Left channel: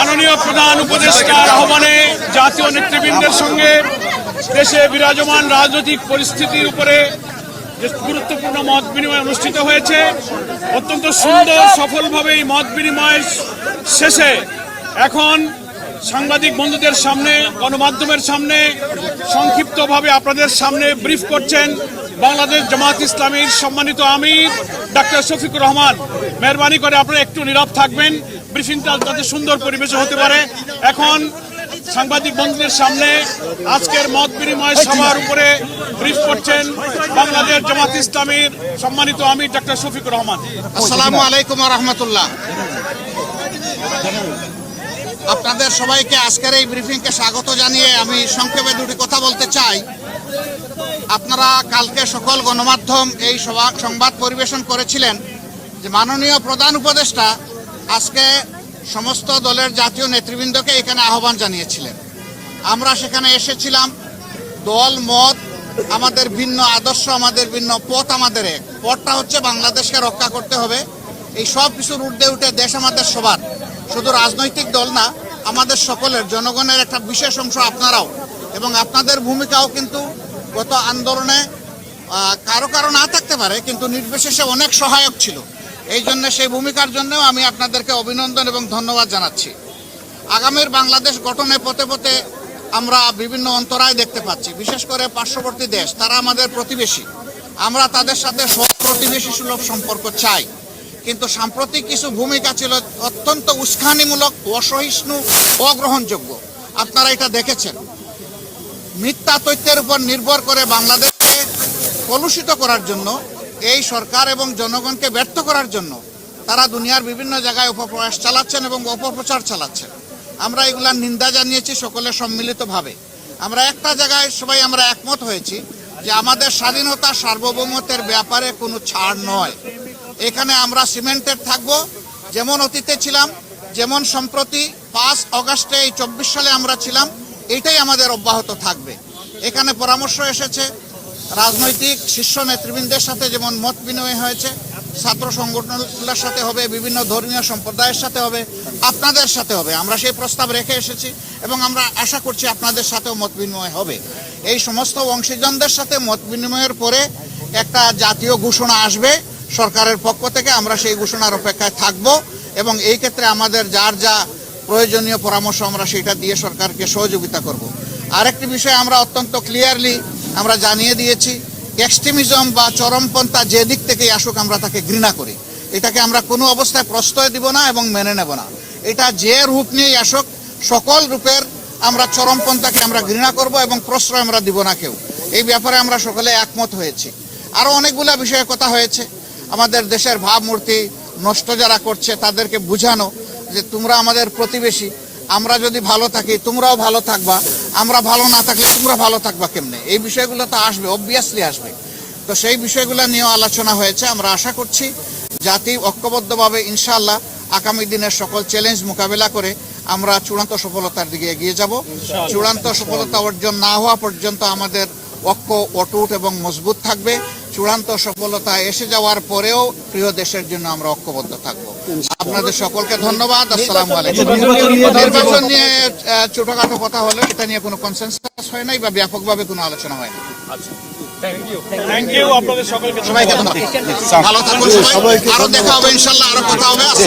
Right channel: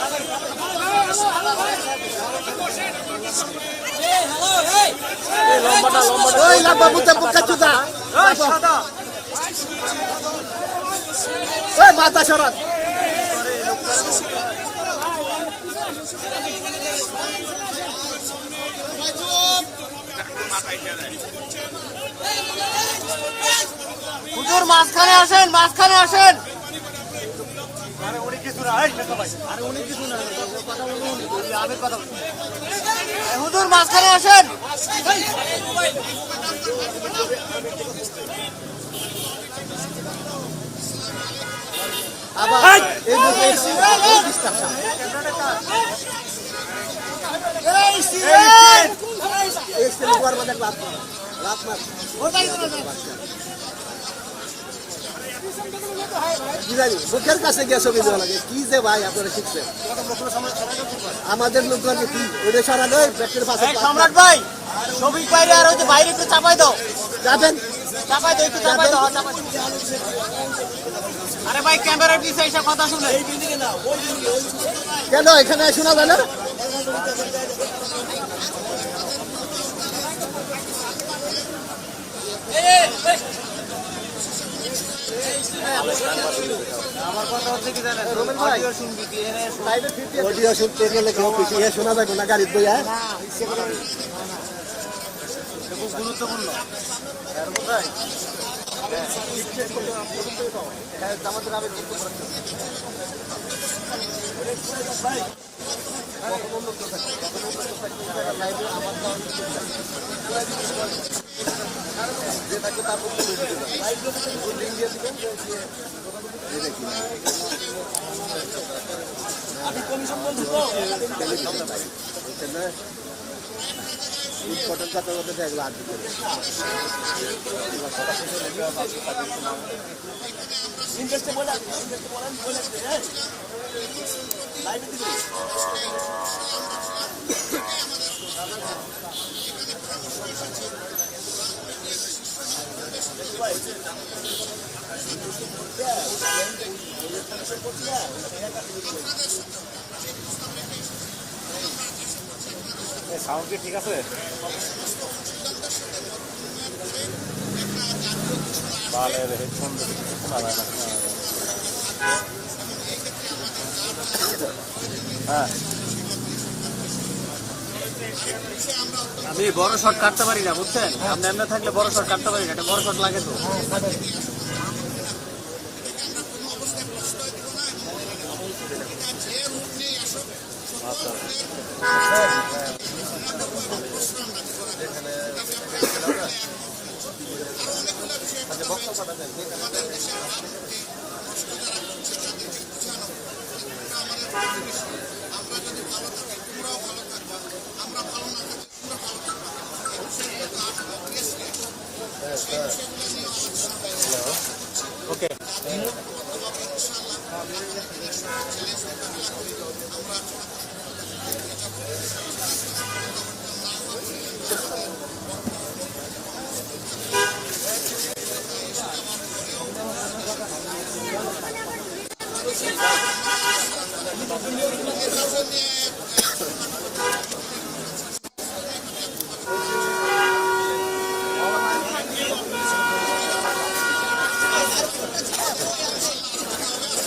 মাননীয় প্রধান উপদেষ্টার আহ্বানে জাতীয় নেতৃবৃন্দের সঙ্গে দেশে বিরাজমান রাজনৈতিক পরিস্থিতির উপরে গুরুত্বপূর্ণ মত বিনিময় অনুষ্ঠিত হয়েছে। অত্যন্ত সুন্দর, সফলভাবে মত বিনিময় শেষে এখন সাংবাদিক বন্ধুদের সামনে, গণমাধ্যমের সামনে সংক্ষিপ্তভাবে আপনাদের সামনে ব্রিফ করছেন বাংলাদেশ জামাত ইসলামীর সম্মানিত আমির ডাক্তার শফিকুর রহমান। মেহরবানি করে আপনারা একটু নীরব থাকবেন। ব্রিফিংটা সুন্দর পরিবেশে হতে পারে। এখন সাংবাদিক বন্ধুদের সামনে আজকের মত বিনিময় সভার উপরে ব্রিফ করছেন বাংলাদেশ জামাত ইসলামীর সম্মানিত আমি ডাক্তার শফিকুর রহমান। আসসালামু আলাইকুম রহমতুল্লাহ। আপনাদের সবাইকে আজকের এই ব্রিফিংকে স্বাগত জানিয়ে আমি সংক্ষেপে কথা বলতে চাই। আপনারা কালকে সকল গণমাধ্যম এই সভা- সংবাদ পরিবেশন করেছিলেন। মাননীয় প্রধান উপদেষ্টা আজকে সমস্ত দলের জাতীয় নেতৃবৃন্দকে এখানে আহ্বান জানিয়েছিলেন আমরা সেখানে এসেছিলাম। দল মত আমাদের ভিন্ন আদর্শ আমাদের ভিন্ন পথ আমাদের। পথটা হচ্ছে বাংলাদেশকে রক্ষা করতে হবে। এই সব ঊর্ধ্বে উঠে দেশ আমাদের সবার। শুধু রাজনৈতিক দল না আমাদের সকলের জনগণের একটা বিশেষ অংশ আপনারাও। এবং আপনাদের ভূমিকাও কিন্তু গত আন্দোলনে কারও কারও না থাকতে পারে, কিন্তু নির্বিশেষে অনেক সহায়ক ছিল। এই জন্য সেই ভূমিকার জন্যও আমি আপনাদেরকে অভিনন্দন এবং ধন্যবাদ জানাচ্ছি। আগামীর বাংলাদেশ গঠনে পথে পথে আমরা বিভিন্ন অন্তরায় দেখতে পাচ্ছি, বিশেষ করে পার্শ্ববর্তী দেশ, তারা আমাদের প্রতিবেশী। আমরা তাদের সাথে সৎ প্রতিবেশী সুলভ সম্পর্ক চাই। কিন্তু সাম্প্রতিক কিছু ভূমিকা ছিল অত্যন্ত উস্কানিমূলক, অসহিষ্ণু, অগ্রহণযোগ্য। আপনারা এটা দেখেছেন। মিথ্যা তথ্যের উপর নির্ভর করে বাংলাদেশকে কলুষিত করার জন্য, এই সরকার এবং জনগণকে ব্যর্থ করার জন্য তারা দুনিয়ার বিভিন্ন জায়গায় অপপ্রয়াস চালাচ্ছেন এবং অপপ্রচার চালাচ্ছেন। আমরা এগুলার নিন্দা জানিয়েছি সকলে সম্মিলিতভাবে। আমরা একটা জায়গায় সবাই আমরা একমত হয়েছি যে আমাদের স্বাধীনতা সার্বভৌমত্বের ব্যাপারে কোনো ছাড় নয়। এখানে আমরা সিমেন্টেড থাকব, যেমন অতীতে ছিলাম, যেমন সম্প্রতি পাঁচ অগাস্টে এই চব্বিশ সালে আমরা ছিলাম, এটাই আমাদের অব্যাহত থাকবে। এখানে পরামর্শ এসেছে রাজনৈতিক শীর্ষ নেতৃবৃন্দের সাথে যেমন মত বিনিময় হয়েছে, ছাত্র সংগঠনগুলোর সাথে হবে, বিভিন্ন ধর্মীয় সম্প্রদায়ের সাথে হবে, আপনাদের সাথে হবে। আমরা সেই প্রস্তাব রেখে এসেছি এবং আমরা আশা করছি আপনাদের সাথেও মত বিনিময় হবে। এই সমস্ত অংশীজনদের সাথে মত বিনিময়ের পরে একটা জাতীয় ঘোষণা আসবে। সরকারের পক্ষ থেকে আমরা সেই ঘোষণার অপেক্ষায় থাকব এবং এই ক্ষেত্রে আমাদের যার যা প্রয়োজনীয় পরামর্শ আমরা সেটা দিয়ে সরকারকে সহযোগিতা করব। আরেকটি বিষয় আমরা অত্যন্ত ক্লিয়ারলি আমরা জানিয়ে দিয়েছি এক্সট্রিমিজম বা চরমপন্থা যে দিক থেকেই আসুক আমরা তাকে ঘৃণা করি। এটাকে আমরা কোনো অবস্থায় প্রশ্রয় দিব না এবং মেনে নেব না। এটা যে রূপ নিয়েই আসুক, সকল রূপের আমরা চরমপন্থাকে আমরা ঘৃণা করব এবং প্রশ্রয় আমরা দিব না কেউ। এই ব্যাপারে আমরা সকলে একমত হয়েছি। আরও অনেকগুলো বিষয়ে কথা হয়েছে। আমাদের দেশের ভাবমূর্তি নষ্ট যারা করছে, তাদেরকে বুঝানো যে তোমরা আমাদের প্রতিবেশী, আমরা যদি ভালো থাকি তোমরাও ভালো থাকবা। আমরা ভালো না থাকলে তোমরা ভালো থাকবা কেমনে? এই বিষয়গুলো তো আসবে অবভিয়াসলি আসবে। তো সেই বিষয়গুলো নিয়েও আলোচনা হয়েছে আমরা আশা করছি জাতি ঐক্যবদ্ধভাবে ইনশাআল্লাহ আগামী দিনের সকল চ্যালেঞ্জ মোকাবেলা করে আমরা চূড়ান্ত সফলতার দিকে এগিয়ে যাব। চূড়ান্ত সফলতা অর্জন না হওয়া পর্যন্ত আমাদের ঐক্য অটুট এবং মজবুত থাকবে। চূড়ান্ত সফলতা এসে যাওয়ার পরেও প্রিয় দেশের জন্য আমরা ঐক্যবদ্ধ থাকব। আপনাদের সকলকে ধন্যবাদ আসসালামু আলাইকুম। নির্বাচন নিয়ে আহ, ছোটখাটো কথা হলো এটা নিয়ে কোনো কনসেন্সাস হয় নাই বা ব্যাপকভাবে কোনো আলোচনা হয় থ্যাংক ইউ আপনাদের সকলকে সবাইকে ভালো থাকুন সবাই। আরও দেখা হবে ইনশাল্লাহ আরও কথা হবে।